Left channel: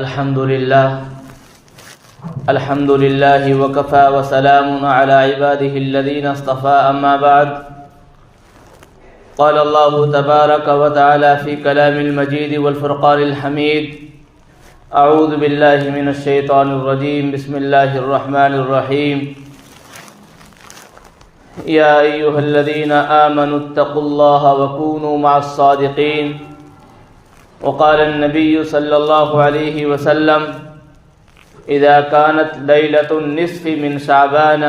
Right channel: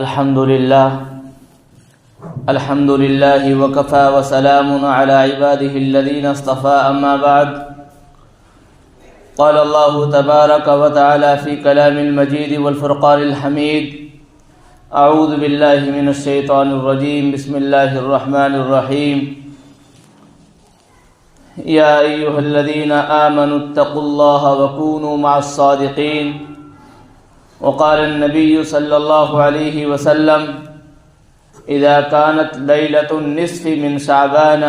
الحمد لله وكفى وسلام على عباده الذين اصطفى أما بعد. قال الله تبارك وتعالى في كلام المجيد والفرقان الحميد: أعوذ بالله من الشيطان الرجيم. بسم الله الرحمن الرحيم. يا أيها الذين آمنوا اتقوا الله وكونوا مع الصادقين. وقال النبي صلى الله عليه وسلم: إذا كانت ليلة النصف من شعبان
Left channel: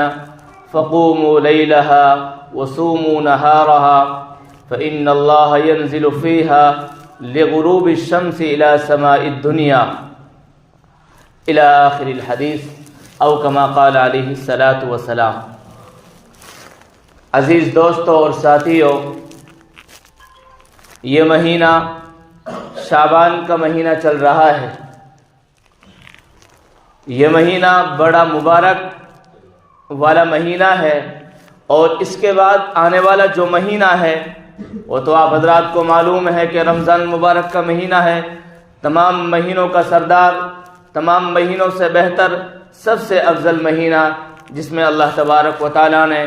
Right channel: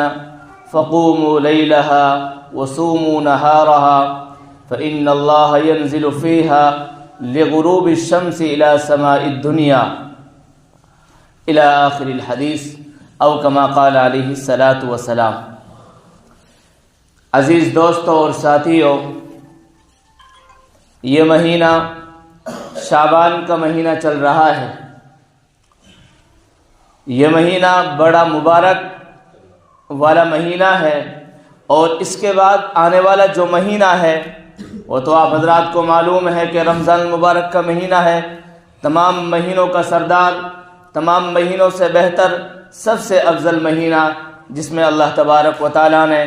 فقوموا ليلها وصوموا نهارها فإن الله ينزل فيها لغروب الشمس إلى سماء الدنيا إلى آخر الحديث أو كما قال عليه الصلاة والسلام. عزیز دوستوں اور ساتھیوں، یہ مہینہ شعبان کا مہینہ چل رہا ہے. یہ مہینہ بڑا مبارک والا مہینہ ہے، اور اس کے بعد آنے والا جو مہینہ ہے وہ تو آپ حضرات کو معلوم ہے کہ رمضان المبارک کا مہینہ ہے. تمام مہینوں کا سردار، تمام مہینوں سے بہتر، سب سے افضل مہینہ، جس میں اللہ تبارک و تعالیٰ نے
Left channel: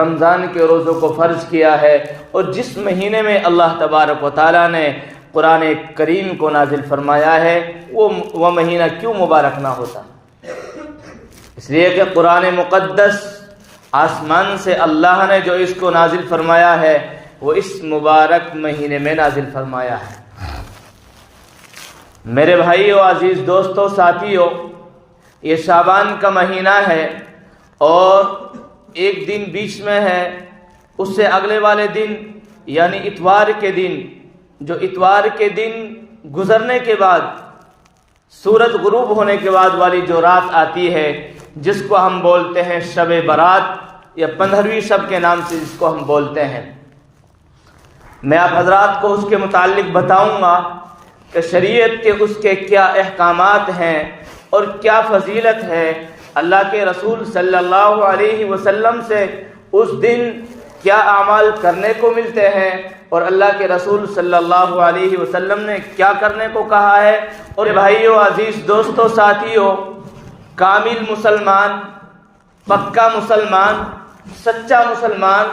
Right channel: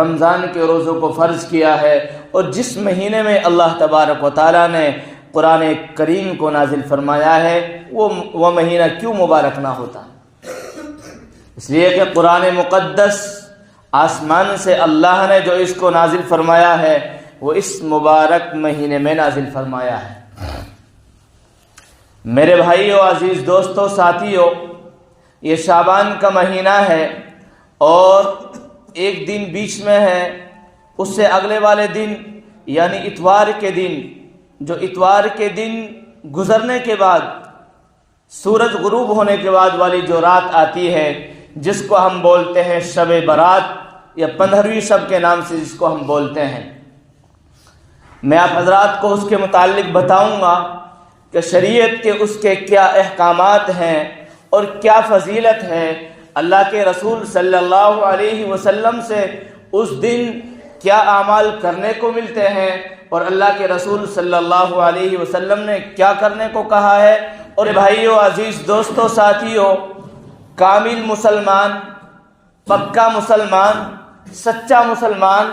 رمضان کے روزوں کو فرض کیا ہے، اور جس مہینے میں اللہ تبارک و تعالیٰ نے قرآن کریم کو نازل فرمایا ہے، وہ مہینہ کیوں مبارک نہ ہوتا؟ اس لیے کہ قرآن مقدس آسمان سے اللہ نے جو اس کو نازل فرمایا ہے وہ اس مبارک مہینے میں نازل فرمایا ہے. میرے بھائیو، عزیز دوستو، ساتھیو، یہ شعبان کا مہینہ ہے، اور ایک دن بیچ میں ہے. اس سے اگلے والے دن یعنی اتوار کے دن، جو اتوار کے دن گزرنے کے بعد، سورج غروب ہونے کے بعد والی جو رات آتی ہے، جس کو ہم بولتے ہیں شب برات یا 15ویں شب کے نام سے جس کو ہم بولتے ہیں. میں آپ حضرات کو اس کے متعلق بتاؤں گا کہ شریعت کے اس کے کیا احکامات ہیں اور کیا فضیلت ہے. اللہ کے رسول صلی اللہ علیہ وسلم سے اس دن کیا اعمال کرنے کو ملتے ہیں، اور اللہ کے رسول صلی اللہ علیہ وسلم نے کیا کرنے کو کہا ہے. اور بھائیو، عزیز دوستو، ساتھیو، کامل مسلمان، پکا مسلمان، سچا مسلمان،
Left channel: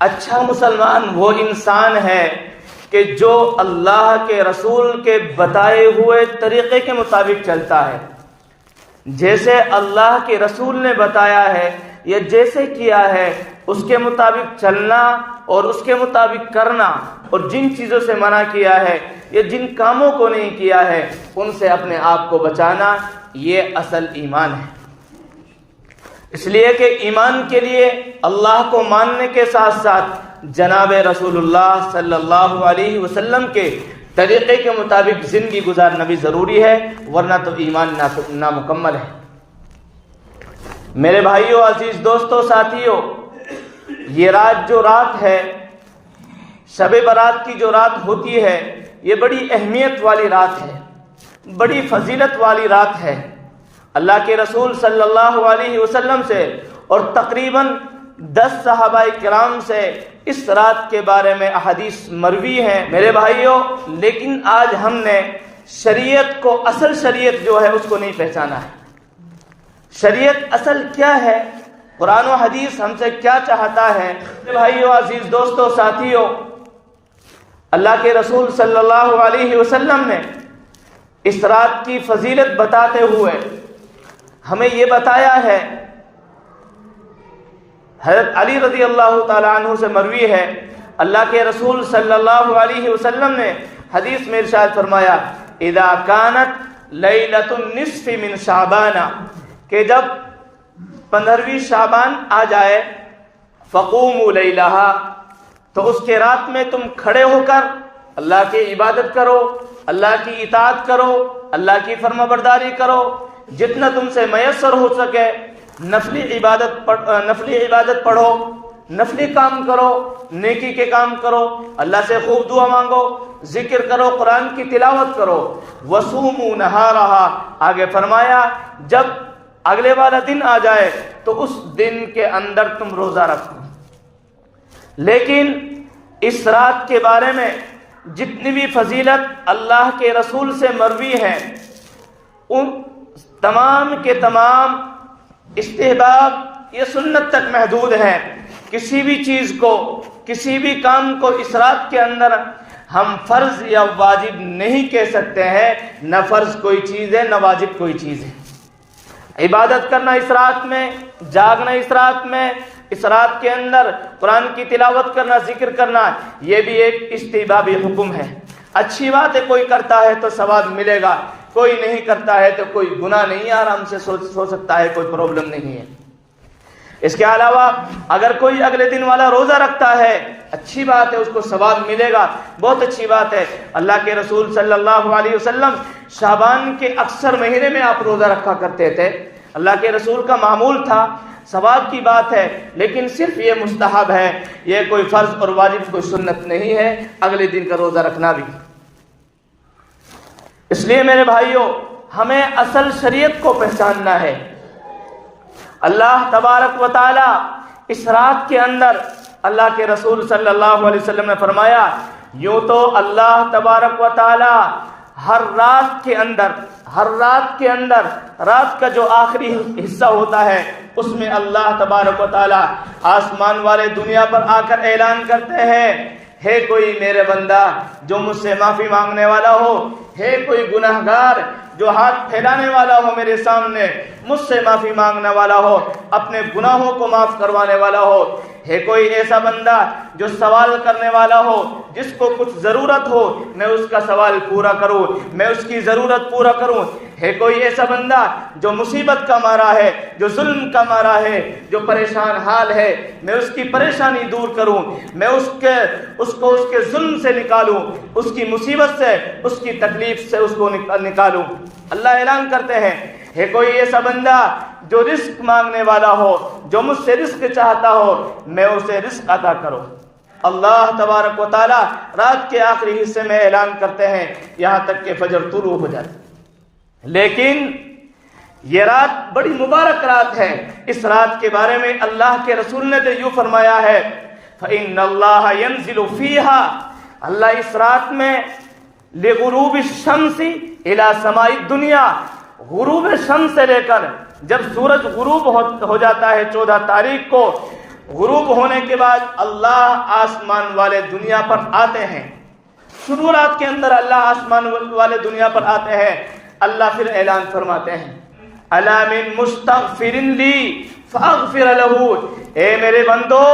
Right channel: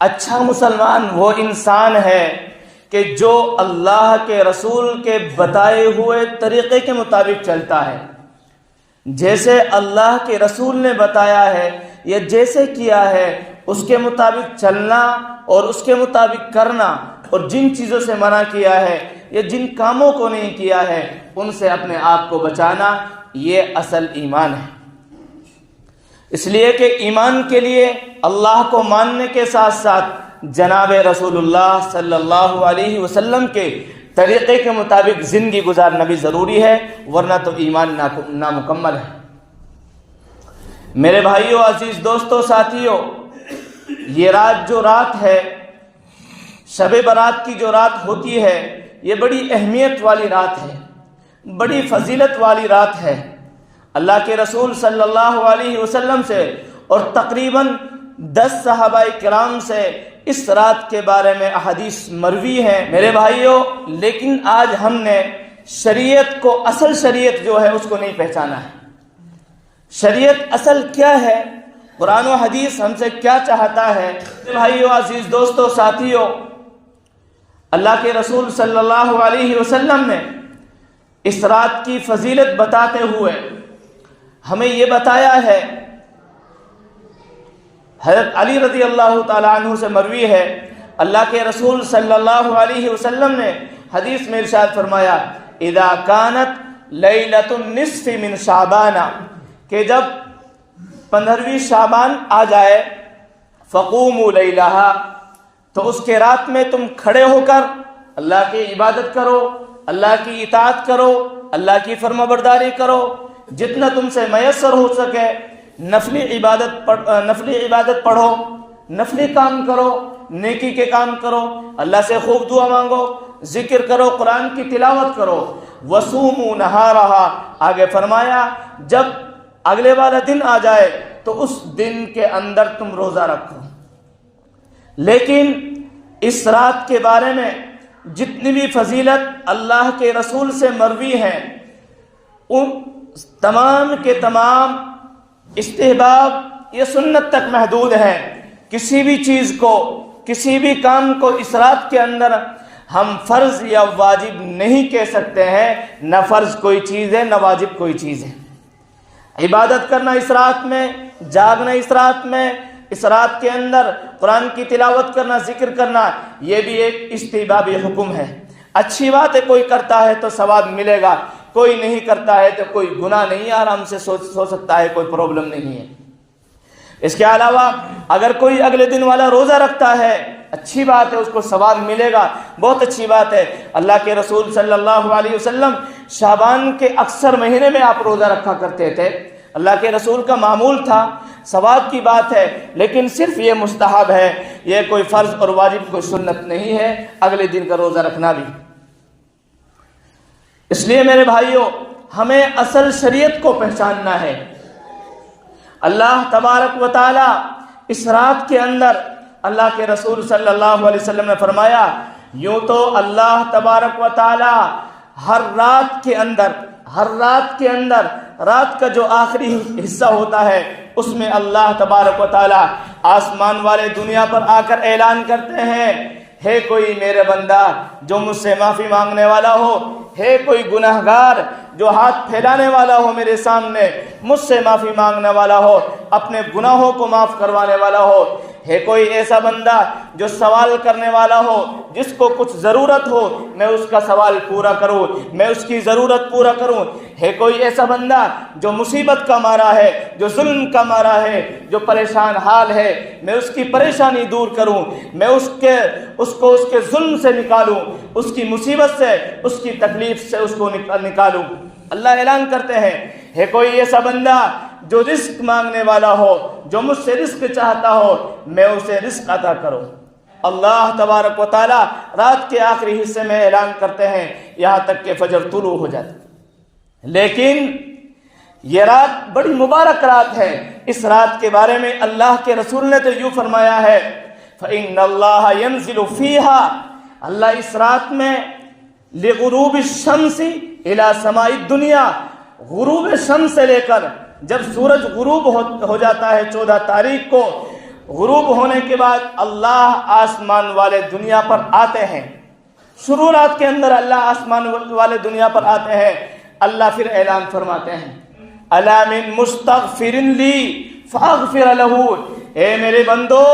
اچھا مسلمان وہ انسان ہے کہ جو اللہ کے رسول کے بتائے ہوئے طریقے کے مطابق چلتا ہے. جیسے اللہ کے رسول نے بتایا ہے یا جیسے کیا ہے اس کے مطابق چلنا اور اس کے مطابق کرنا، اور جن چیزوں سے منع کیا ہے یا جن کاموں کو نہیں کیا ہے ان سے اپنے آپ کو بچانا، یہ اصل ایمان ہے. اس لیے کہ ایمان کے لیے اللہ کو ماننے کے ساتھ ساتھ جناب رسول اللہ صلی اللہ علیہ وسلم کے طریقے کے مطابق زندگی گزارنا بھی ضروری ہے، ورنہ تو ایمان نامکمل ہے. میرے بھائیو، عزیز دوستو، ساتھیو، یہ رات جو رات ہے، شب برات کی جو رات ہوتی ہے، یہ بڑی اہمیت والی رات ہے، بڑی فضیلت والی رات ہے. اللہ کے رسول صلی اللہ علیہ وسلم سے اور تقریباً 10 صحابہ کرام سے اس رات کے بارے میں احادیث مروی ہیں. میرے بھائیوں، لیکن آج ہم نے شریعت کو، اصل شریعت جو ہے اس کو نہیں پہچانا ہے. شریعت اصل کیا ہے؟ قرآن و حدیث ہم سے کیا چاہتا ہے؟ میرے بھائیوں، عزیز دوستو، ساتھیوں، اللہ کے رسول صلی اللہ علیہ وسلم نے اس رات کی فضیلت بتاتے ہوئے ہمیں یہ بتایا ہے. حضرت علی رضی اللہ تعالیٰ عنہ سے مروی ہے، اللہ کے رسول صلی اللہ علیہ وسلم نے حدیث میں ارشاد فرمایا: اذا كانت لیلۃ النصف من شعبان، کہ جب 15ویں شعبان آ جائے، فقوموا لیلہا، تو اس کے رات میں تم کھڑے ہو کر اللہ کی عبادت کرو، اللہ کی اطاعت کرو، اللہ کی فرما برداری کرو، جتنا تم سے میسر ہو سکے. نفلی عبادت پڑھو، نفلی کام کرو، نیکی کے کام کرو، اللہ سے خوب دعا مانگو، ذکر کرو، قرآن کی تلاوت کرو. وصوموا نہارہا، آگے فرمایا جب اگلے والا دن آ جائے تو اس دن کے اندر تم روزہ رکھو. لیکن اس رات کے بارے میں جتنی بھی فضیلت اللہ کے رسول سے مروی ہے، ان تمام کے تمام استحباب یہ سنت تک محدود ہے. کسی بھی چیز کو، کسی بھی کام کو اسراف کے اندر ہم فرض یا واجب نہیں کہہ سکتے ہیں. نہ فرض کوئی چیز ہے، نہ واجب کوئی چیز ہے. عبادت کرنا اسراف میں، جاگنا اسراف میں، اسراف کے اندر قرآن کی تلاوت کرنا، ذکر کرنا، یہ بھی ایک استحبابی حکم ہے. اچھی بات ہے، کوئی کرتا ہے تو ثواب ملے گا، کوئی نہیں کرتا ہے تو کوئی گناہ نہیں ہے، آرام سے سو سکتا ہے، کوئی پرابلم نہیں ہے. اس کے علاوہ اگر کوئی اگلے دن والا روزہ رکھتا ہے، اچھی بات ہے، اس کو ثواب ملے گا، بہت اچھی بات ہے. اللہ کے رسول صلی اللہ علیہ وسلم شعبان کے اکثر مہینے میں آپ روزہ رکھا کرتے تھے. اللہ کے رسول کا معمول تھا، ثواب کی بات ہے، لیکن صرف یہ مستحب ہے، یہ کوئی فرض اور واجب کوئی سنت نہیں ہے اگلے دن کا روزہ رکھنا بھی. اس لیے میرے بھائیوں، ہمیں اصل شریعت کو پہچاننا ہے. اللہ تبارک و تعالی اس رات کے اندر اللہ کے رسول صلی اللہ علیہ وسلم نے فرمایا، یوں تو اللہ تبارک و تعالی ہر رات کے اندر رات کا جو آخری حصہ ہوتا ہے، اس میں اللہ تبارک و تعالی آسمان والے دنیا پر آ کر اعلان کرتے ہیں، ہے کوئی میرے بندہ جو مجھ سے معافی مانگنے والا ہو، ہے کوئی گناہگار جو ہاتھ پھیلانے والا ہو میرے سامنے، مجھ سے معافی مانگنے والا ہو، اپنے گناہوں کو معاف کروانے والا ہو، ہے کوئی ایسا بندہ جو سوال کرنے والا ہو، جس کو کچھ ضرورت ہو میں اس کا سوال پورا کروں، میں اس کی ضرورت پورا کروں. ہے کوئی ایسا بندہ جو مصیبت کا مارا ہے، جو ظلم کا مارا ہے، جو پریشان حال ہے، میں اس کی پریشانی دور کروں، میں اس کو اس کے ظلم سے نکالوں، اس کی مصیبت سے، اس کی تکلیف سے اس کو نکالوں. اللہ اعلان کرتے ہیں، ہے کوئی ایسا بندہ جو رزق مانگنے والا ہو، جو مجھ سے رزق چاہتا ہو، میں اسے رزق عطا کروں. اللہ تبارک و تعالی رات کے آخری حصے میں اعلان کرتے ہیں یہاں تک کہ فجر طلوع ہو جائے. لیکن یہ رات بڑی مبارک رات ہے. اس رات کے بارے میں اللہ کے رسول نے تو یوں فرمایا ہے، فَإِنَّ اللَّهَ يَنزِلُ فِيهَا، اللہ اس رات میں لغروب الشمس الى سماء الدنیا، غروب شمس سے لے کر جب سورج غروب ہو جاتا ہے 14 تاریخ کو، غروب ہونے کے بعد اللہ آسمان والے دنیا پر آتے ہیں. شروع رات کے اندر اللہ آسمان والے دنیا پر آتے ہیں. اللہ پھر اعلان فرماتے ہیں، الا من مستغفر لی فاغفر له، اے میرے بندو،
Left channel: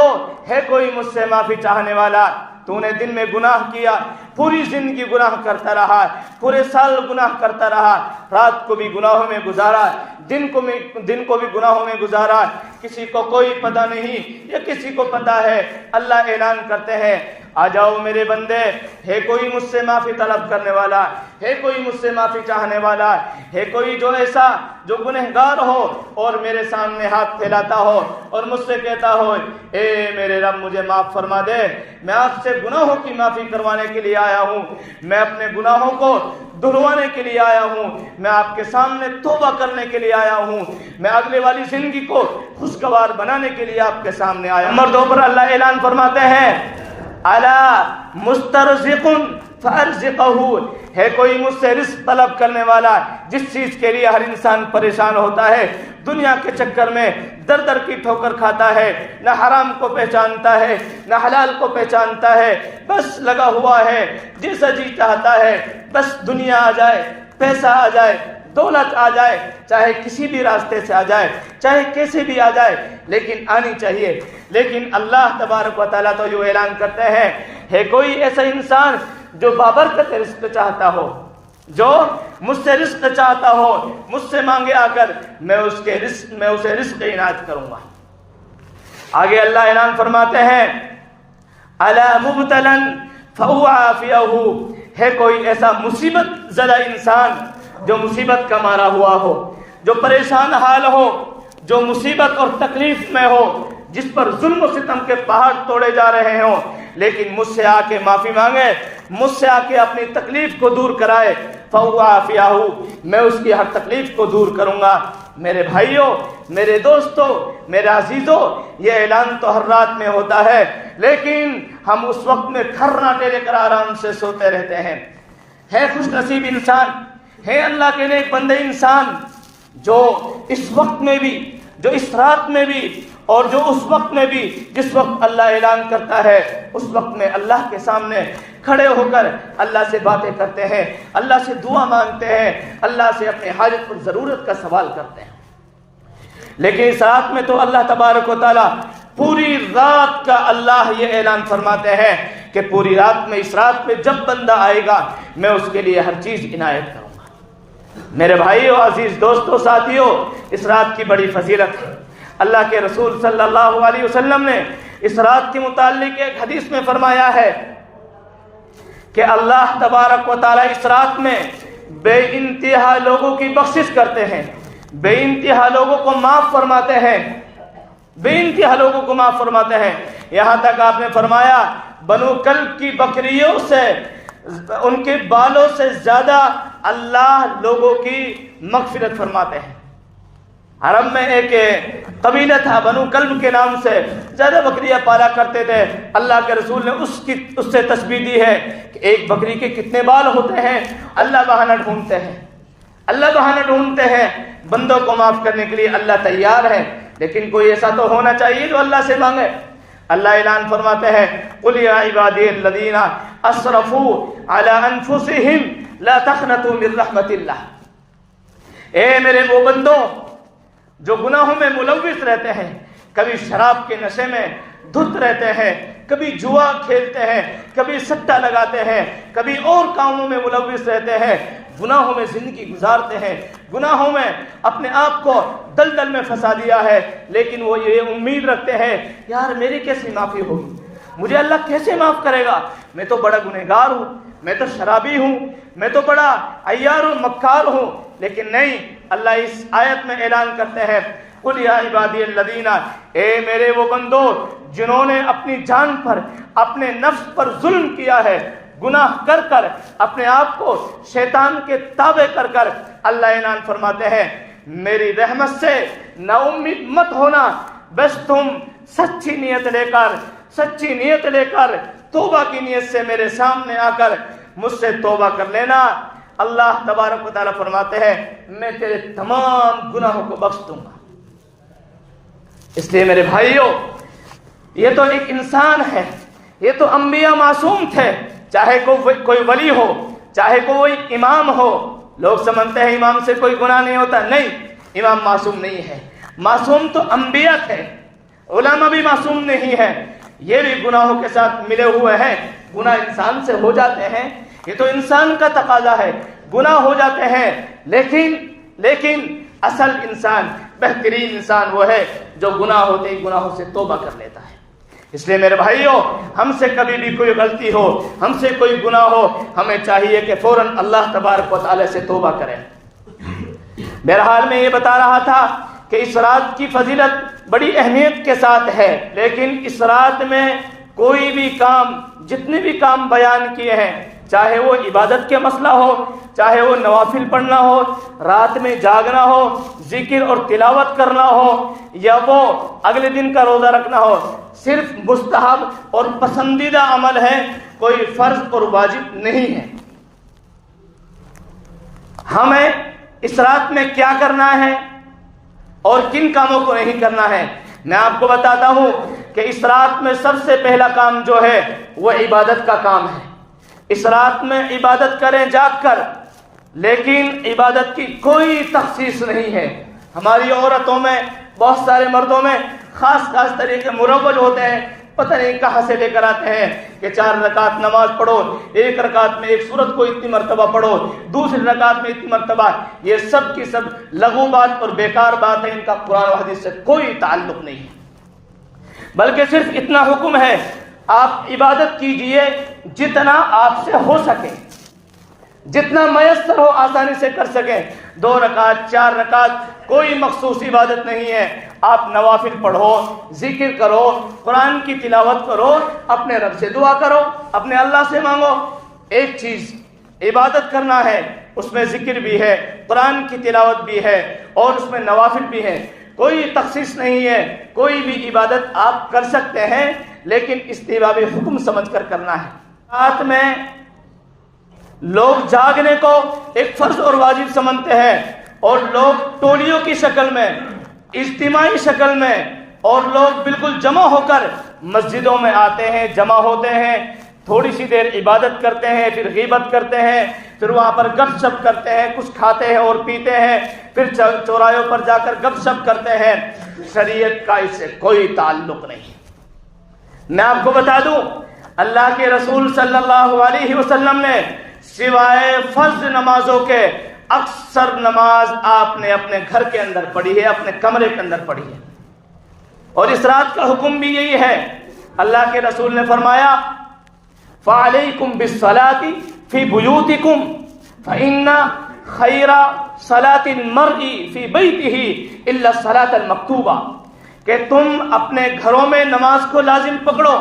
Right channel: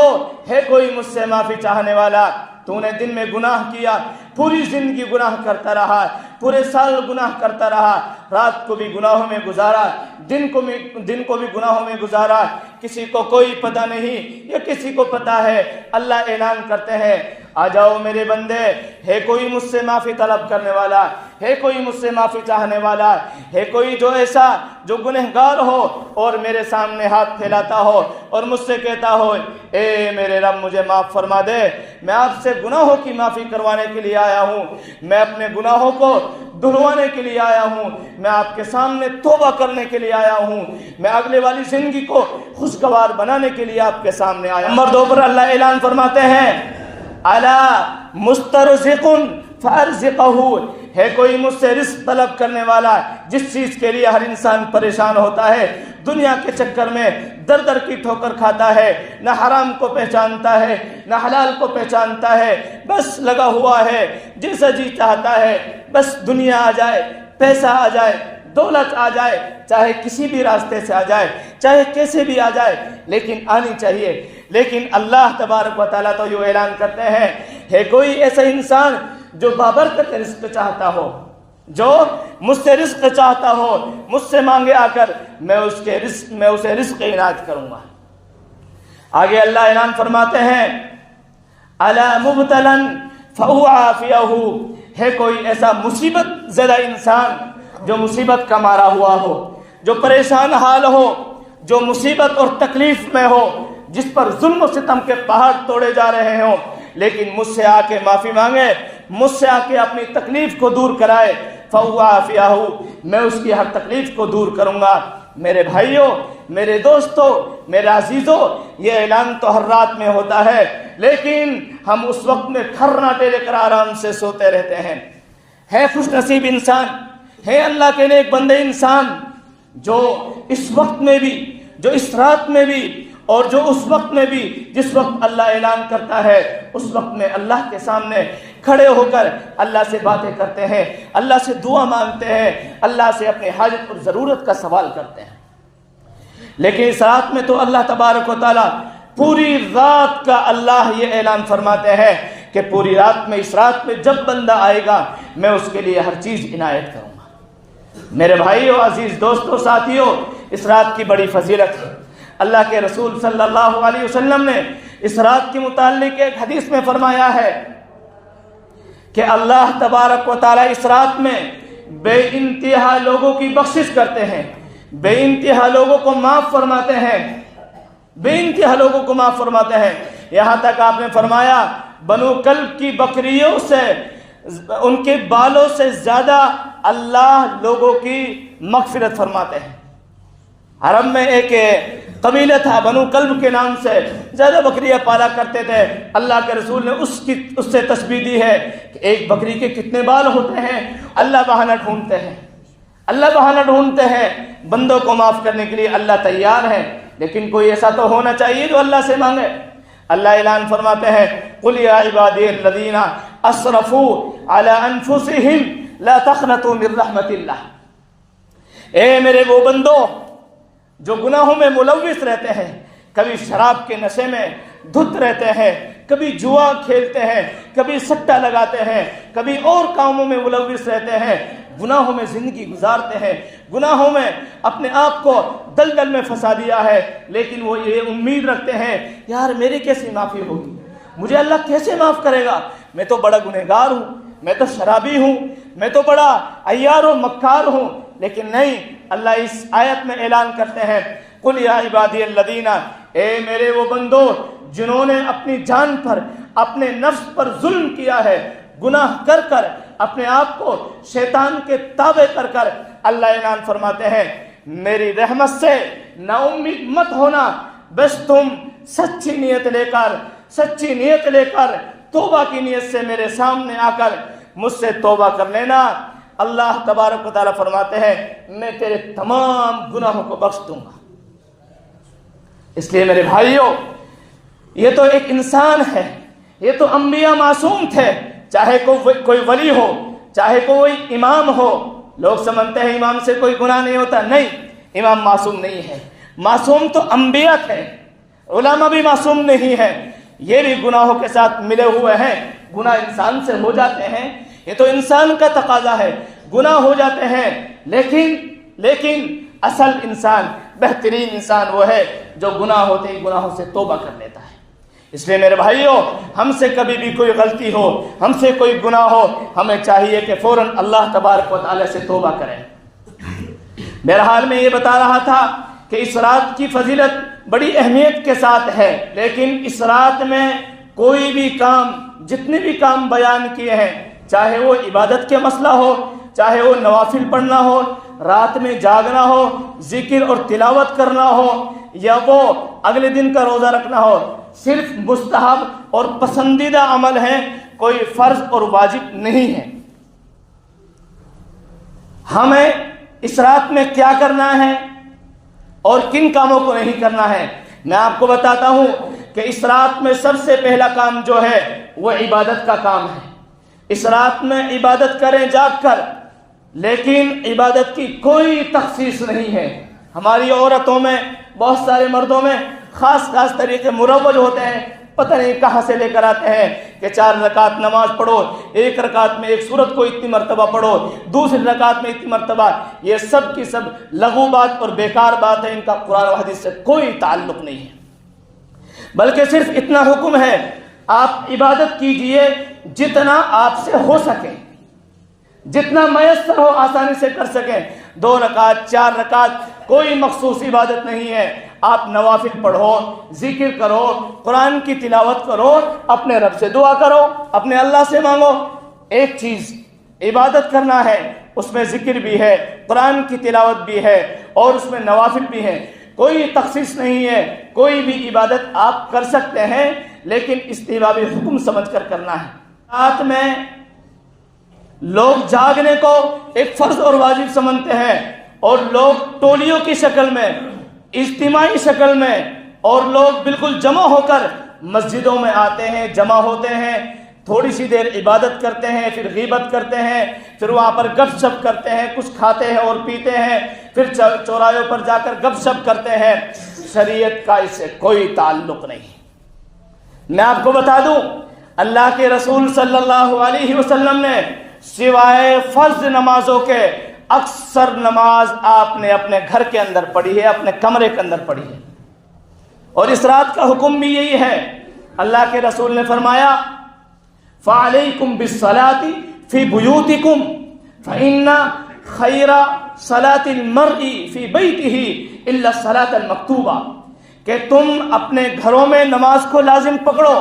ہے کوئی مجھ سے معافی چاہنے والا؟ تو نے دن میں گناہ کیا، پوری زندگی گناہ کرتا رہا، پورے سال گناہ کرتا رہا، رات کو بھی گناہوں میں گزارا، دن کو بھی گناہوں میں گزارا، کسی کو کوئی پتہ نہیں، یہ کسی کو پتہ ہے. اللہ اعلان کرتے ہیں، آ جاؤ میرے بندے، ہے کوئی مجھ سے معافی طلب کرنے والا، ہے کوئی مجھ سے معافی چاہنے والا، ہے کوئی جو ایسا جو گنہگار ہو اور میرے سامنے ہاتھ پھیلاتا ہو اور مجھ سے کہتا ہو، اے میرے رب مجھے معاف فرما دے، میں آپ سے گناہوں کی معافی کروانے کے لیے آیا ہوں، میں اپنے گناہوں کو دھلوانے کے لیے آیا ہوں، میں آپ کے سامنے توبہ کرنے کے لیے آیا ہوں، میں اگلے والی زندگی کو خوشگوار بنانے کے لیے آپ کے سامنے آیا ہوں. مردوں پر اللہ اعلان فرماتے ہیں، الا مسترزق فارزقہ، ہے کوئی مجھ سے رزق طلب کرنے والا، جس چیز کے لیے ہر انسان پریشان ہوتا ہے، دنیا کے چکر میں در در کی ٹھوکر کھاتا ہے، نہ حرام کو پہچانتا ہے نہ حلال کو پہچانتا ہے، بس لگا ہوا ہے، جیسا جی چاہتا ہے، بس دنیا آ جائے، پیسہ آ جائے، دولت آ جائے، چاہے کسی بھی راستے سے آ جائے، چاہے کیسے بھی آ جائے، لیکن آنی چاہیے. لیکن اللہ تبارک و تعالیٰ تو یہ اعلان کرتے ہیں، ہے کوئی ایسا انسان جو بابرکت رزق چاہتا ہو، جو مجھ سے رزق چاہتا ہو، مجھ سے مانگے آ کر، میں اسے رزق عنایت کروں گا. آگے اللہ اعلان فرماتے ہیں، الا مبتلا فعافیہ، ہے کوئی ایسا مصیبت زدہ انسان جو مصیبت کا مارا ہوا ہو، جو پریشان حال ہو، جو مصیبت اور تکلیف میں ہو، جس پر ظلم و ستم کے پہاڑ توڑے جا رہے ہوں، لیکن مجھ سے آ کے معافی مانگے، مجھ سے آ کے اپنی تکلیف کو دور کرائے، فَعَافِيَهُ، میں اس کی ہر تکلیف کو دور کروں گا. میرے بھائیوں، میرے دوستوں، میرے عزیزوں، یہ اعلان تو ہر رات میں ہوتا ہے، لیکن ہم اس وقت میں کھرنا لے کر آرام سے سوتے رہتے ہیں. ہے خوش نصیب انسان، ہے اللہ کے نیک بندے انسان جو اس وقت میں بھی، جو اس رات میں بھی، اور جو اس وقت میں بھی جس وقت اللہ اعلان کرتا ہے اس وقت میں اللہ کے سامنے کھڑے ہو کر اللہ سے باتیں کرتے ہیں، اللہ سے دعا مانگتے ہیں، اللہ سے اپنے حاجت اور ضرورت کا سوال کرتے ہیں۔ لیکن اس رات میں تو اللہ تبارک و تعالیٰ پوری رات کا اللہ یہ اعلان فرماتے ہیں کہ پوری رات میں، اس رات میں جب بندہ آئے گا میں اس کے لیے ہر چیز عنایت کروں گا۔ میرے بھائیو، عزیز دوستو، ساتھیو، اس رات کی بڑی فضیلت ہے۔ اللہ کے رسول صلی اللہ علیہ وسلم نے اس رات کے متعلق ایک حدیث میں فرمایا ہے کہ اللہ تبارک و تعالیٰ اس رات میں بے انتہا لوگوں کی بخشش کرتے ہیں، بے انتہا لوگوں کو معاف فرماتے ہیں، بے انتہا لوگوں کو معاف فرماتے ہیں۔ یہاں تک آپ نے فرمایا بنو کلب کی بکریوں سے، ان کے بالوں سے زیادہ اللہ لوگوں کی مغفرت فرماتے ہیں۔ عرب میں ایک قبیلہ تھا بنو کلب کے نام سے، زیادہ بکریاں پالا کرتے تھے۔ اللہ کے رسول نے اس سے تشبیہ دی ہے کہ ایک بکری کے کتنے بال ہوتے ہیں۔ اللہ بہانہ ڈھونڈتے ہیں، اللہ بہانہ ڈھونڈتے ہیں، بندوں کو معاف کرنے کے لیے اللہ تیار ہے، لیکن کوئی ایسا تو ہونا چاہیے جو اللہ سے مانگے۔ اللہ اعلان فرماتے ہیں قُلْ يَا عِبَادِيَ الَّذِينَ أَسْرَفُوا عَلَىٰ أَنفُسِهِمْ لَا تَقْنَطُوا مِن رَحْمَةِ اللَّهِ، اے میرے وہ بندوں جو گناہوں میں ملوث رہتے ہیں، کبھی شراب کے نشے میں دھت رہتے ہیں، کبھی جوا کھیلتے ہیں، کبھی سٹا لگاتے ہیں، کبھی اور کاموں میں ملوث رہتے ہیں، گناہوں میں زندگی گزارتے ہیں، گناہوں میں اپنے آپ کو دلدل میں پھنسا دیا ہے، لیکن وہ یہ امید رکھتے ہیں یار میری کیسے معافی ہوگی، مجھے اللہ کیسے معاف کرے گا، میں تو بڑا گنہگار ہوں، میں تو شرابی ہوں، میں تو بڑا عیار و مکار ہوں۔ لیکن نہیں، اللہ اس آیت میں اعلان کرتے ہیں قُلْ يَا عِبَادِيَ الَّذِينَ، اے میرے وہ بندو جنہوں نے اپنی جان پر، اپنے نفس پر ظلم کیا ہے، گناہ کر کر اپنے آپ کو شیطان کے تابع کر کر، اللہ اعلان فرماتے ہیں میری رحمت سے نا امید مت ہونا، بس تم سچی نیت لے کر توبہ کی نیت سے میرے سامنے آ کر مجھ سے توبہ کر لینا۔ اللہ تبارک و تعالیٰ فرماتے ہیں میں تیرے تمام گناہوں کو بخش دوں گا۔ اس لیے میرے بھائیوں، یہ تو ایک انسان ہے، یہ تو انبیاء معصوم تھے، چاہے کوئی ولی ہو، چاہے کوئی امام ہو۔ لوگ سمجھتے ہیں امام سے کوئی گناہ نہیں ہوتا، نہیں، امام معصوم نہیں ہے، معصوم تو انبیاء تھے، علماء بھی معصوم نہیں ہے، یہ بھی گناہوں کے ساتھ ملے ہوئے ہیں، گناہ انسان سے ہو جاتے ہیں، یہ تو انسان کا تقاضا ہے، گناہ ہو جاتے ہیں، لیکن اصل انسان، بہترین انسان وہ ہے جو گناہ ہوتے ہی گناہوں سے توبہ کر لیتا ہے۔ اس لیے میرے بھائیوں، ہم سے کبھی بھی کوئی غلطی ہو، ہم سے کوئی گناہ ہو، ہمیں چاہیے کہ فوراً اللہ تبارک و تعالی سے توبہ کریں۔ بہرحال میں یہ بتا رہا تھا کہ اس رات کی فضیلت بڑی اہمیت کے ساتھ ہے، لیکن اس رات میں کوئی بھی کام، جتنے بھی کام بیان کیے ہیں، چاہے وہ عبادت کے مسئلہ ہو، چاہے وہ نوافل پڑھنا ہو، رات میں جاگنا ہو، ذکر اور تلاوت کرنا ہو، یا وہ اگلے دن کا روزہ رکھنا ہو، صرف مستحب اور پسندیدہ عمل ہے، کوئی فرض اور واجب نہیں ہے۔ ہمیں اس رات میں کیا کرنا ہے اور کن کاموں کو نہیں کرنا ہے، میں آپ کو بتاتا ہوں کہ اس رات میں سب سے پہلا کام جو ہے وہ عبادت کا کام ہے۔ اس رات میں عبادت کریں جاگ کر، لیکن عبادت کی کوئی تخصیص نہیں ہے۔ ہماری عورتوں میں، بہت سارے مردوں میں خاص طریقے مروج ہوتے ہیں، پتہ نہیں کہاں سے لے کر آتے ہیں کہ 4 رکعت نماز پڑھو، 1 رکعت میں 1 سورت کو اتنی مرتبہ پڑھو، دوسری رکعت میں اتنی مرتبہ۔ یہ سب کی سب لغو بات اور بیکار بات ہے، ان کا قرآن و حدیث سے کوئی تعلق نہیں ہے، بلکہ صرف اتنا حکم ہے آپ عبادت کیجئے جتنا آپ سے ہو سکے، جتنا میسر ہو آسانی سے کر سکیں۔ 2 رکعت 4 رکعت کوئی مخصوص عبادت نہیں ہے، آپ نوافل پڑھو، ذکر کرو، قرآن کی تلاوت کرو، اپنے رب سے دعا کرو، اپنے اللہ سے مانگو۔ ایک چیز عبادت کرنا ہے، اس میں ذکر بھی ہے، قرآن کی تلاوت بھی ہے، اور اس میں نوافل بھی ہے، کوئی تخصیص نہیں ہے، کوئی بھی عبادت آپ کر سکتے ہیں، لیکن استحباب حکم سمجھ کر کرنا ہے۔ رات میں لوگ جاگنے کو ایک فرض اور واجب سمجھتے ہیں، اور لوگ ٹولیوں کی شکل میں، اجتماعی شکل میں، اور لوگ بالکل جمع ہو کر مسجدوں میں آتے ہیں، جمع ہوتے ہیں، تھوڑی سی دیر عبادت کرتے ہیں، پھر غیبت کرتے ہیں، پھر وہاں پر گپ شپ کرتے ہیں، کچھ کھاتے ہیں اور پیتے ہیں، پھر چوراہوں پر جا کر گپ شپ کرتے ہیں۔ شریعت کا اس سے کوئی تعلق نہیں۔ میں آپ کو بتا دوں، اللہ کے رسول صلی اللہ علیہ وسلم نے سوائے فرض نمازوں کے اکثر نماز آپ نے اپنے گھر کے اندر پڑھی ہے، اپنے کمرے کے اندر پڑھی ہے، اور اس رات کا حکم بھی یہی ہے۔ اللہ کے رسول نے فرمایا فَعَلَيْكُمْ بِالصَّلَاةِ فِي بُيُوتِكُمْ فَإِنَّ خَيْرَ صَلَاةِ الْمَرْءِ فِي بَيْتِهِ إِلَّا الصَّلَاةَ الْمَكْتُوبَةَ کہ تم اپنے گھروں میں نماز کو لازم پکڑو۔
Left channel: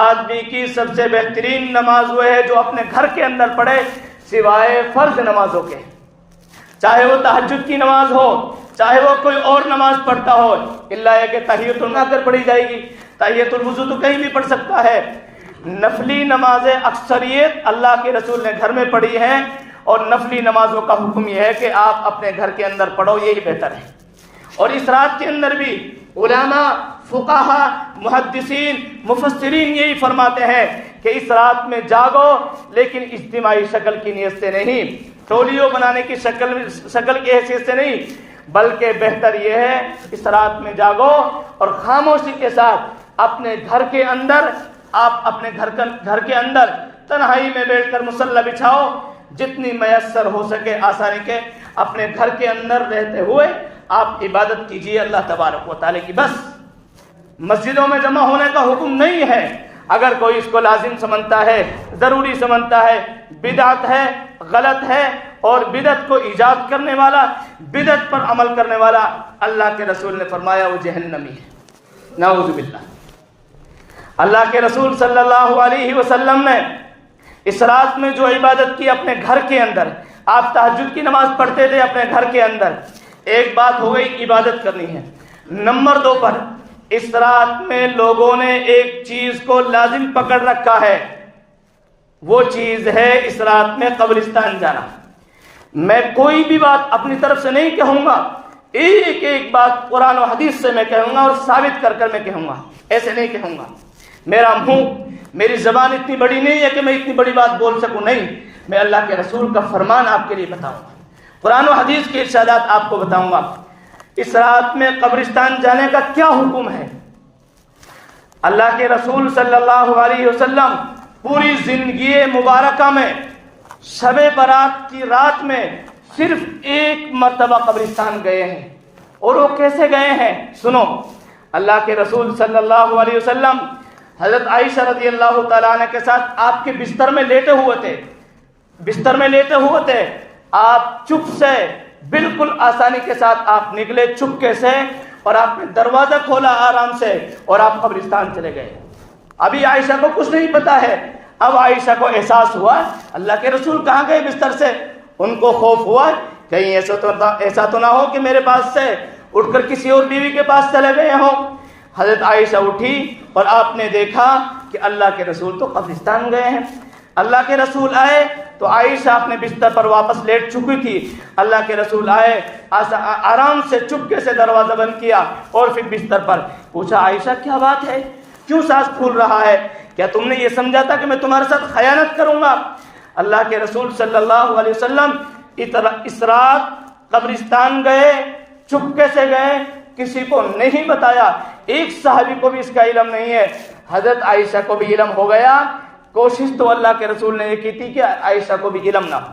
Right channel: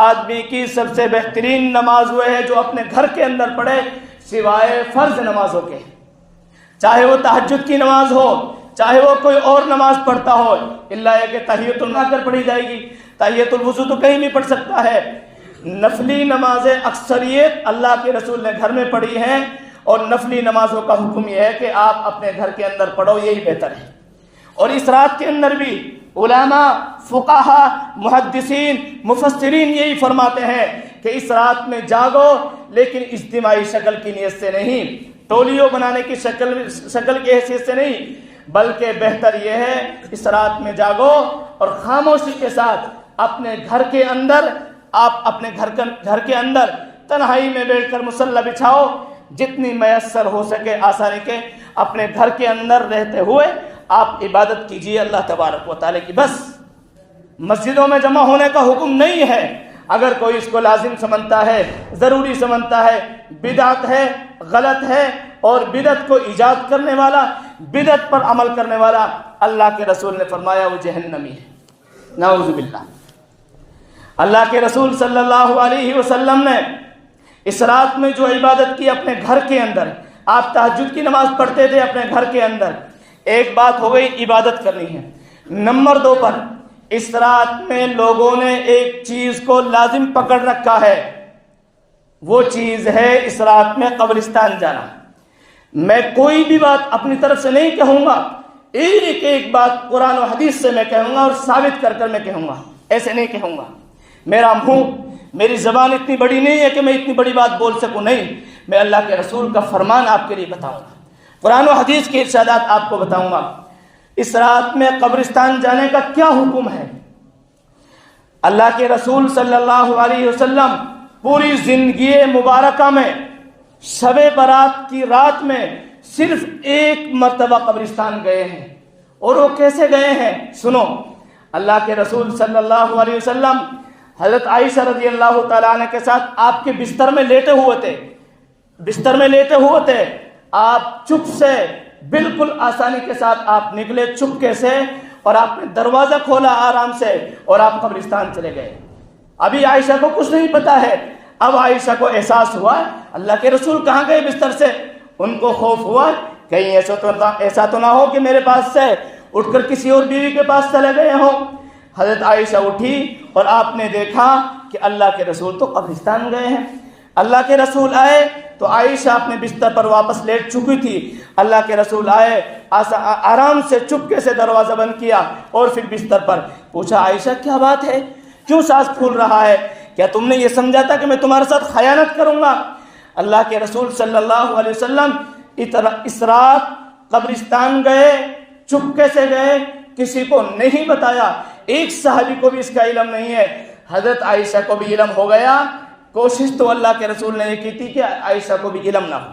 آدمی کی سب سے بہترین نماز وہ ہے جو اپنے گھر کے اندر پڑھے سوائے فرض نمازوں کے، چاہے وہ تہجد کی نماز ہو، چاہے وہ کوئی اور نماز پڑھتا ہو، الا یہ کہ تحیۃ اللہ کر پڑھی جائے گی۔ تحیۃ الوضو تو کہیں بھی پڑھ سکتا ہے۔ نفلی نمازیں اکثریت اللہ کے رسول نے گھر میں پڑھی ہیں، اور نفلی نمازوں کا حکم یہ ہے کہ آپ اپنے گھر کے اندر پڑھو، یہی بہتر ہے۔ اور اس رات کے اندر بھی علماء، فقہا، محدثین، مفسرین یہی فرماتے ہیں کہ اس رات میں جاگو، لیکن اجتماعی شکل کی نیت سے نہیں، ٹولیوں بنانے کی شکل کی حیثیت سے نہیں، بلکہ بہتر یہ ہے اس رات میں جاگو اور خاموشی کے ساتھ اپنے گھر کے اندر، آپ اپنے گھر کے اندر تنہائی میں بیٹھ کر مصلی بچھاؤ، جتنی میسر ہو سکے آسانی کے اپنے گھر کے اندر رہتے ہوئے آپ عبادت کیجئے اللہ تبارک و تعالی کی۔ بس مسجدوں میں جمع ہونے کا حکم نہیں ہے۔ اگر کوئی اس کو لازم سمجھتا ہے، ضروری سمجھتا ہے، بدعت ہے، غلط ہے، اور بدعت کو ایجاد کرنے والا، بدعت پر عمل کرنے والا، اللہ کے رسول نے فرمایا وہ جہنمی ہے، نعوذ باللہ۔ اللہ کے رسول صلی اللہ علیہ وسلم نے اس رات میں جو عبادت کی اپنے گھر کے اندر، آپ تہجد کی نماز پڑھتے تھے اپنے گھر کے اندر، ایک بات ہو گئی عبادت کرنی ہے۔ نمبر 2 پر اس رات میں لوگوں نے ایک چیز کو لازم پکڑ رکھا ہے، وہ چیز ہے اس رات میں قبرستان جانا۔ میں کوئی بھی بات اپنی طرف سے نہیں کہوں گا، ایک ایک بات قرآن و حدیث سے میں کہوں گا اور ثابت کر کر میں کہوں گا، ایسے نہیں کہوں گا۔ میرا منہ، میری زبان اتنی بڑی نہیں ہے کہ میں اتنی بڑی بات بول سکوں، نہیں، میں اللہ کے رسول کا فرمان آپ کے لیے بتاؤں گا، قرآن و حدیث کے ارشادات آپ کو بتاؤں گا۔ اس رات میں قبرستان جانے کا کیا حکم ہے؟ اللہ کے رسول صلی اللہ علیہ وسلم پوری زندگی مبارکہ میں شب برات کی رات میں صرف ایک مرتبہ قبرستان گئے ہیں، اور وہ کیسے گئے ہیں سنو۔ اللہ کے رسول صلی اللہ علیہ وسلم حضرت عائشہ رضی اللہ تعالیٰ عنہ کے ساتھ آپ کے بستر میں لیٹے ہوئے تھے، آپ چپ سے، بالکل آسانی کے ساتھ آپ نکلے چپکے سے، اور آپ نے دروازہ کھولا آرام سے، اور آپ قبرستان چلے گئے۔ ابھی عائشہ کو کچھ نہیں پتا ہے، اب عائشہ کو احساس ہوا اللہ کے رسول کہاں گئے بستر سے۔ ان کو خوف ہوا کہیں ایسا تو نہ ہو کہ میرے پاس سے اٹھ کر کسی اور بیوی کے پاس چلے گئے ہوں۔ حضرت عائشہ اٹھی اور آپ نے دیکھا کہ اللہ کے رسول تو قبرستان گئے ہیں۔ اللہ کے رسول آئے تو عائشہ اپنے بستر پر واپس لیٹ چکی تھی۔ اللہ کے رسول آئے، آرام سے چپکے سے دروازہ بند کیا، اور پھر بستر پر پوچھا عائشہ کیا بات ہے، کیوں سانس پھول رہا ہے، کیا تم نے یہ سمجھا تھا کہ میں تمہارے ساتھ خیانت کروں گا؟ اللہ کے رسول صلی اللہ علیہ وسلم اس رات قبرستان گئے، چپکے سے گئے، کسی کو نہیں بتایا، ایک صحابی کو بھی اس کا علم نہیں ہے۔ حضرت عائشہ کو بھی علم ہو گیا، کوشش تو اللہ کے رسول نے یہ کی تھی کہ عائشہ کو بھی علم نہ ہو۔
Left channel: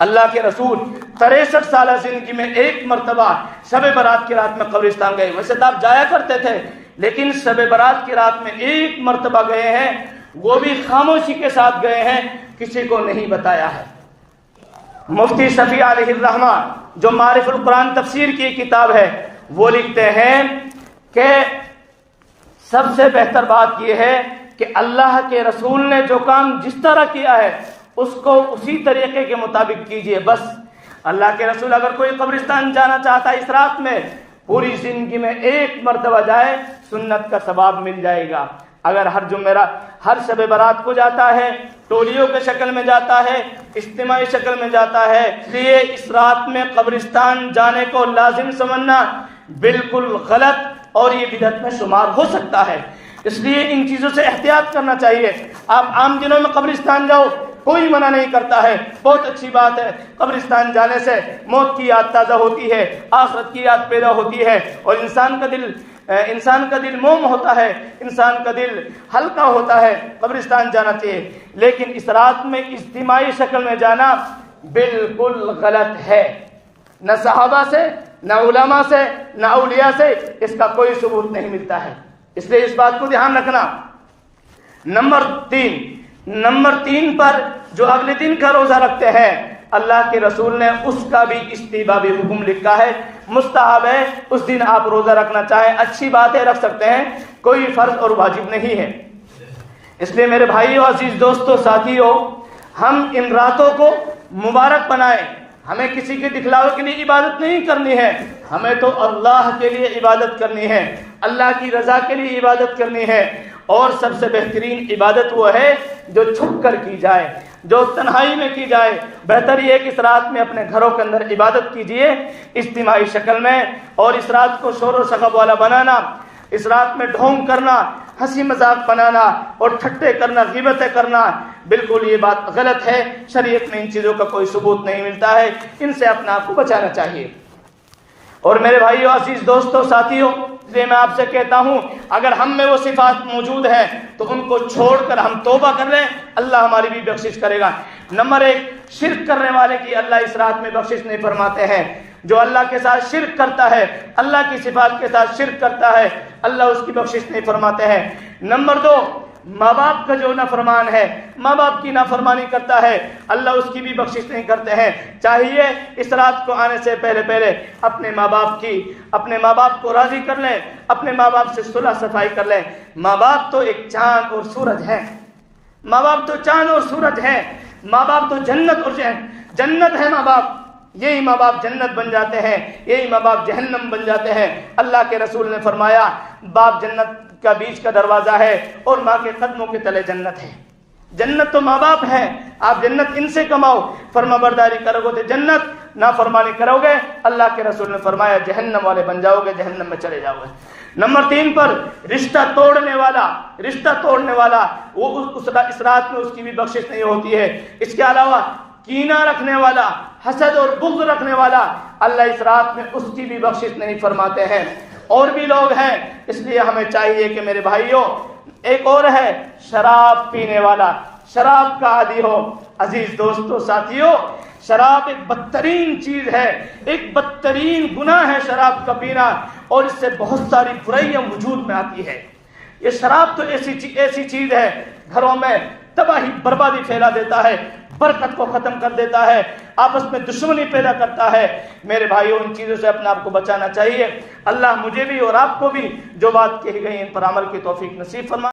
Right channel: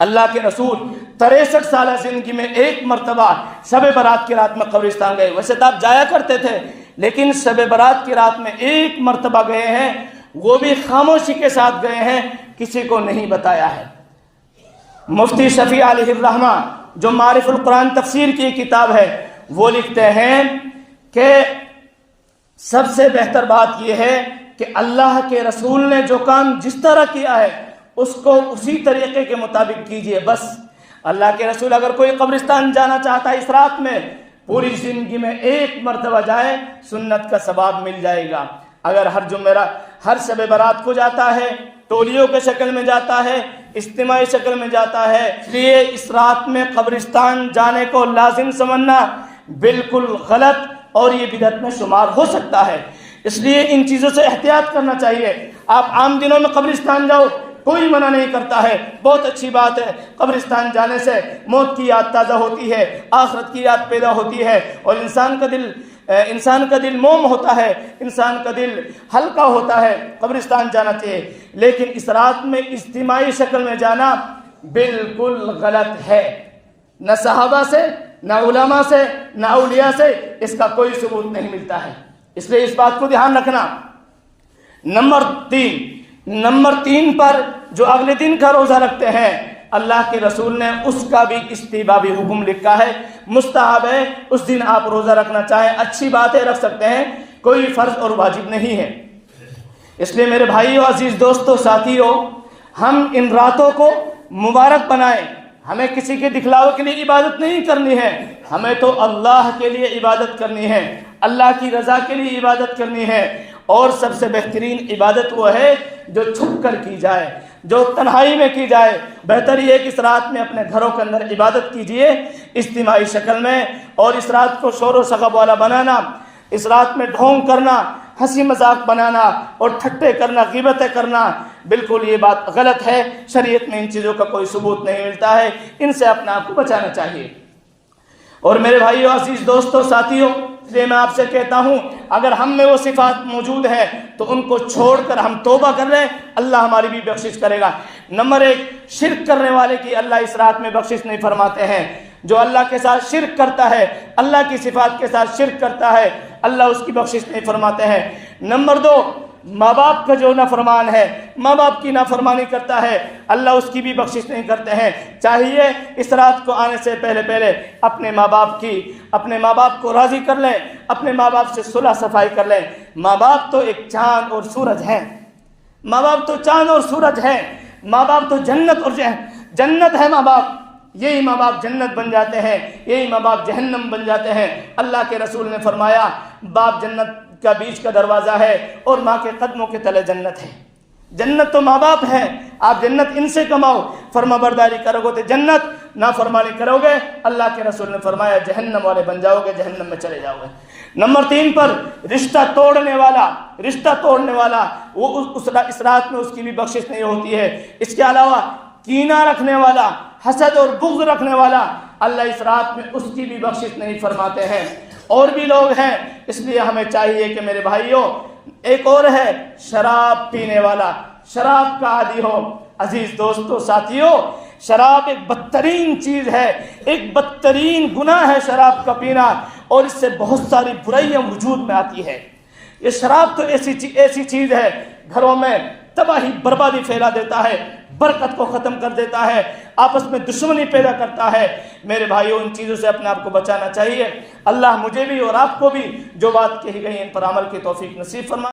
اللہ کے رسول 63 سالہ زندگی میں ایک مرتبہ شب برات کی رات میں قبرستان گئے۔ ویسے تو آپ جایا کرتے تھے، لیکن شب برات کی رات میں ایک مرتبہ گئے ہیں، وہ بھی خاموشی کے ساتھ گئے ہیں، کسی کو نہیں بتایا ہے۔ مفتی شفیع علیہ الرحمہ جو معارف القرآن تفسیر کی کتاب ہے، وہ لکھتے ہیں کہ سب سے بہتر بات یہ ہے کہ اللہ کے رسول نے جو کام جس طرح کیا ہے اس کو اسی طریقے کے مطابق کیجئے۔ بس اللہ کے رسول اگر کوئی قبرستان جانا چاہتا ہے اس رات میں، پوری زندگی میں ایک مرتبہ جائے، سنت کا ثواب مل جائے گا۔ اگر ہر شب برات کو جاتا ہے، ٹولیوں کے شکل میں جاتا ہے، اجتماعی شکل میں جاتا ہے، اس لیے اس رات میں قبرستان جانے کو لازم سمجھنا بالکل غلط اور یہ بدعت میں شمار ہو سکتا ہے۔ اس لیے ان چیزوں سے احتیاط کرنا چاہیے۔ آپ عام دنوں میں قبرستان جاؤ، کوئی منع نہیں کرتا ہے، بہت اچھی بات ہے۔ قبرستان جانے سے موت کی یاد تازہ ہوتی ہے، آخرت کی یاد پیدا ہوتی ہے، اور انسان کا دل موم ہوتا ہے، انسان کا دل ہلکا ہوتا ہے۔ قبرستان جانا چاہیے، لیکن اس رات میں اجتماعی شکل میں جانا بالکل غلط ہے۔ نہ صحابہ سے، نہ علماء سے، نہ اولیاء سے اس کا کوئی ثبوت نہیں ملتا ہے۔ اس لیے اس بات کو دھیان رکھنا۔ نمبر تین پر جو اگلے دن کا روزہ رکھتے ہیں، اللہ کے رسول نے اس کا بھی استحبابی حکم لکھا ہے، مستحب ہے۔ اس دن آپ روزہ رکھنا چاہیں، اچھی بات ہے، رکھ سکتے ہیں، کوئی فرض اور واجب نہیں ہے۔ اس لیے میرے بھائیوں، عزیز دوستوں، ساتھیوں، ہم ان راتوں کو مبارک بنائیں۔ ہمیں کسی کے دکھلاوے کے لیے عبادت نہیں کرنی ہے، ہمیں تو اللہ کے لیے عبادت کرنی ہے، اللہ کی رضا کے لیے عبادت کرنی ہے۔ اور سب سے بہترین عبادت وہ ہے جو چھپ کر کی جائے، جو تنہائی میں کی جائے۔ بہتر یہ ہے کہ اس رات میں اپنے گھروں کے اندر عبادت کیجئے اجتماعی شکل میں، اور اس رات کو شور و شغب والا بنانا، اس رات میں ڈھونگ کرنا، ہنسی مذاق بنانا اور ٹھٹے کرنا، غیبتیں کرنا، بالکل یہ بات غلط ہے۔ شریعت میں ان چیزوں کا کوئی ثبوت نہیں ملتا ہے، ان سے اپنے آپ کو بچانا چاہیے۔ اور میرے بھائیوں، عزیز دوستوں، ساتھیوں، میں آپ سے کہتا ہوں، اگر ہم میں وہ صفات موجود ہے تو ان کو چھوڑ کر ہم توبہ کر لیں، اللہ ہماری بھی بخشش کرے گا۔ نمبر 1، شرک کرنے والے کی اللہ اس رات میں بخشش نہیں فرماتے ہیں۔ جو اللہ کے ساتھ شرک کرتا ہے، اللہ کی صفات کے ساتھ شرک کرتا ہے، اللہ اس کی بخشش نہیں فرماتے ہیں۔ نمبر 2، ماں باپ کا جو نافرمان ہے، ماں باپ کی نافرمانی کرتا ہے، اللہ اس کی بھی بخشش نہیں کرتے ہیں۔ چاہیے اس رات کو آنے سے پہلے اپنے ماں باپ کو راضی کر لیں، اپنے ماں باپ سے صلح صفائی کر لیں۔ ماں باپ تو ایک چاند اور سورج ہیں، ماں باپ تو چاند اور سورج ہیں، ماں باپ تو جنت ہے۔ ماں باپ، یہی ماں باپ جنت بن جاتے ہیں، یہی ماں باپ جہنم بن جاتے ہیں۔ اللہ کے رسول نے فرمایا، باپ جنت کا بیچ کا دروازہ ہے اور ماں کے قدموں کے تلے جنت ہے۔ جنت تو ماں باپ ہے، آپ جنت ان سے کماؤ، فرما برداری کرو گے تو جنت، نافرمانی کرو گے اللہ کے رسول نے فرمایا جہنم والے بن جاؤ گے، جہنم میں چلے جاؤ گے۔ نمبر 3 پر رشتہ توڑنے والا وہ اس رات میں اس کی بھی بخشش نہیں ہوتی ہے۔ اس کے علاوہ کینہ رکھنے والا، حسد اور بغض رکھنے والا، اللہ اس رات میں اس کی بھی بخشش نہیں فرماتے ہیں۔ اور بھی لوگ ہیں، اس لیے ہمیں چاہیے کہ میرے بھائیوں، ایک اور ہے شراب پینے والا، شراب کا عادی ہو۔ عزیز دوستوں، ساتھیوں، شراب ایک بدترین چیز ہے، ایک بدترین گناہ ہے شراب کا پینا، اور اس سے بہت ساری برائیاں وجود میں آتی ہے۔ یہ شراب تو ایسی چیز ہے، گھروں میں تباہی بربادی پھیلا دیتا ہے، برکت کو ختم کر دیتا ہے، آپس میں دشمنی پیدا کرتا ہے۔ میرے بھائیوں، ان چیزوں سے اپنے آپ کو بچانا چاہیے۔ اللہ مجھے بھی اور آپ کو بھی جو بات کہی گئی ان پر عمل کی توفیق نصیب فرمائے۔